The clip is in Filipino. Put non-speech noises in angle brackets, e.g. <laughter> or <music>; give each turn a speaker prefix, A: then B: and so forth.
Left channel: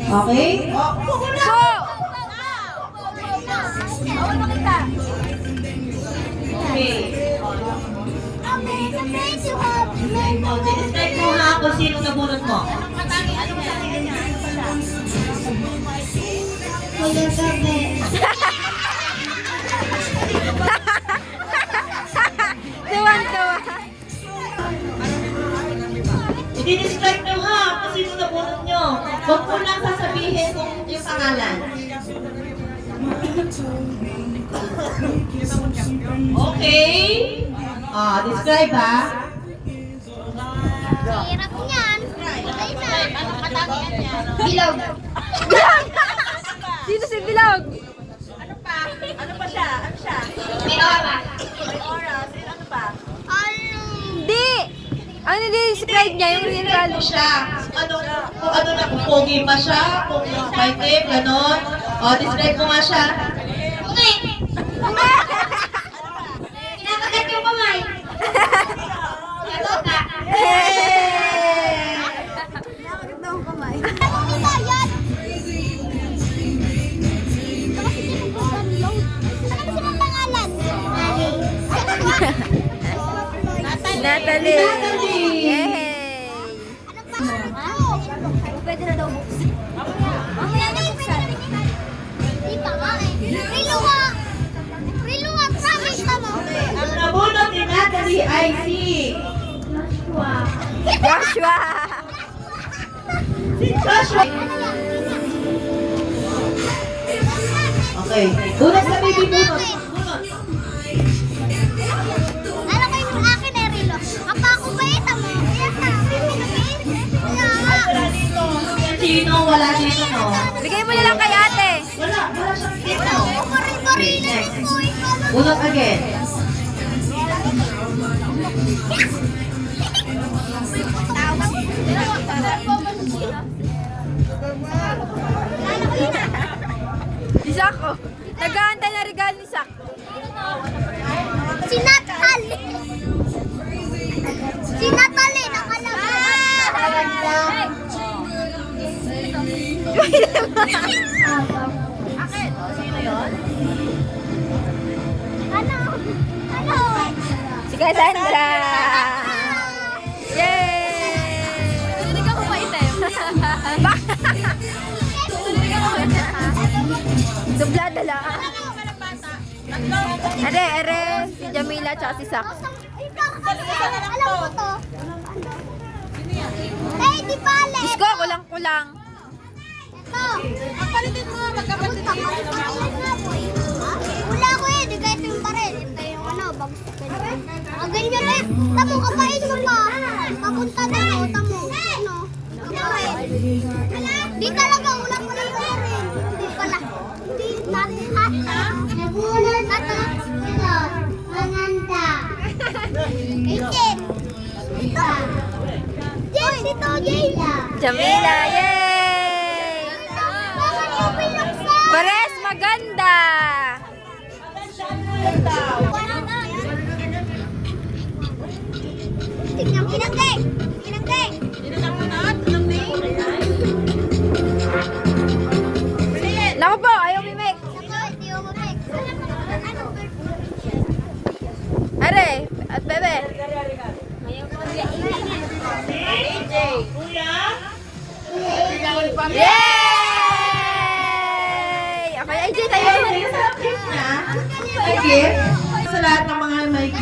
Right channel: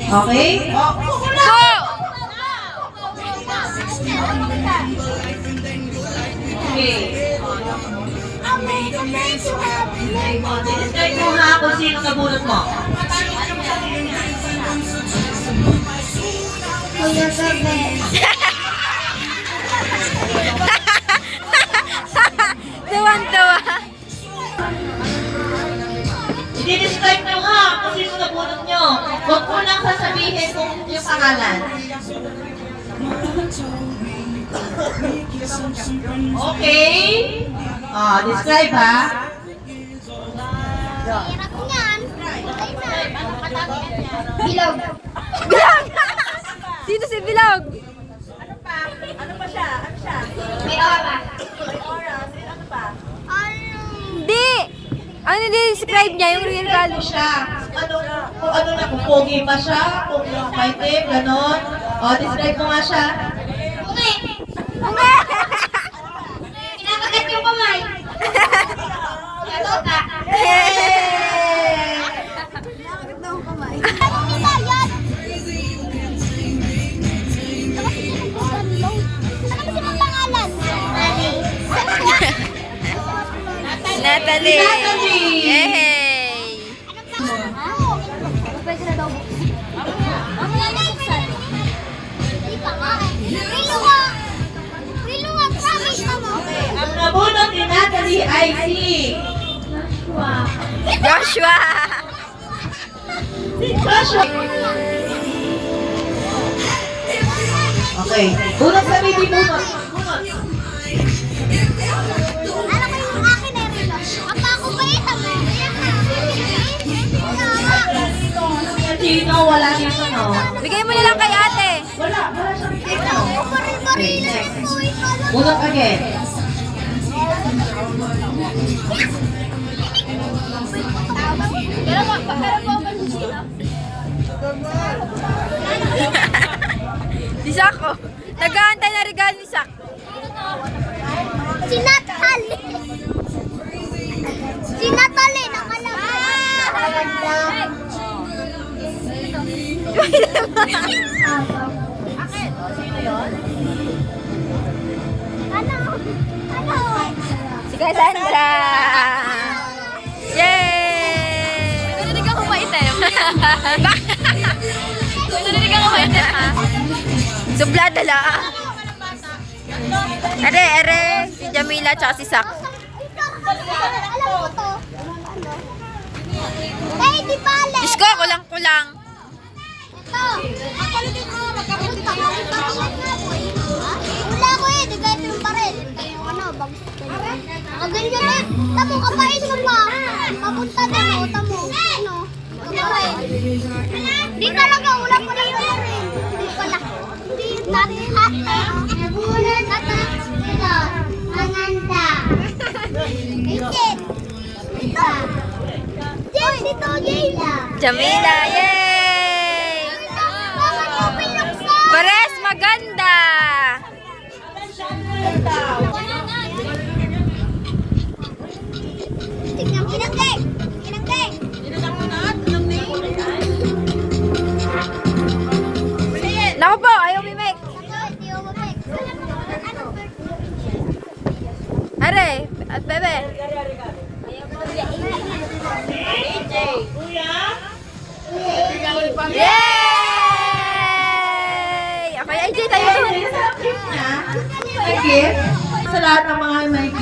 A: Okay?
B: Go!
A: Okay. Describe mo nga kung sino nabunot mo.
B: Tuwan-tuwa.
A: I-describe nyo nga kung sino nabunot nyo. Huwag mo yung pangalan. Okay? Ah, describe ha.
C: Hirap niyan. Anong katangian niya? Bilog.
B: Bilog! <laughs> Sino si Bilog?
D: Ano pa? Ano pa siya? Ano siya?
C: May aura.
D: May aura. Sino ano pa?
B: Hindi! Ano describe niya yung real color?
A: siya. Ano, kung ano na, kung pogi pa siya, kung maitim, gano'n. O, describe mo nga siya.
C: Okay. Kinakagat yung kamay. Ito ka.
A: Hey!
C: Nila yan? Ano sila pangalan?
B: Natalie!
A: Natalie!
C: Ang
A: nabunot.
B: Joshua!
A: Si Joshua. Okay. Bunot sa baby bunot. Sino? Wala dito, no?
B: Bigay mo na lang kay ate.
A: Wala. Wala siyang dito.
C: Na
A: next.
C: ito. Ikala
A: Bunot again. <laughs>
B: Si Sako. Nag-aantay na regalo ni Sak.
C: Si Natalie. Si Natalie
D: Sino yon?
C: Ano? Ano?
B: Si! Yay! Tulinig ako maitim. Bakit? Tulinig ako maitim. Sublada lang. Are, are. Si Jamila tsaka si Sak.
C: Alam mo to?
B: Diyos ko, kulang-kulang.
C: Ito. Ang palitin mo, magkapatid ako. Wala ko eh, di kaya ito yung baril. Ito yung ano, bagus ko ganyan. Ah, ganyan eh. Tamo, kapais mo pa. Papunta mo, tamo. Ano? Di talaga, wala ko na pala. Hindi natin hata. Nagulat hata. Ito. Manganda. Ikit. Ito. Jay, dito, Jay.
B: Jamila, yay! At bebe.
A: Kuya?
B: Yay! Okay, AJ tayo.
A: Niya. Gift. Sa lahat ng mga may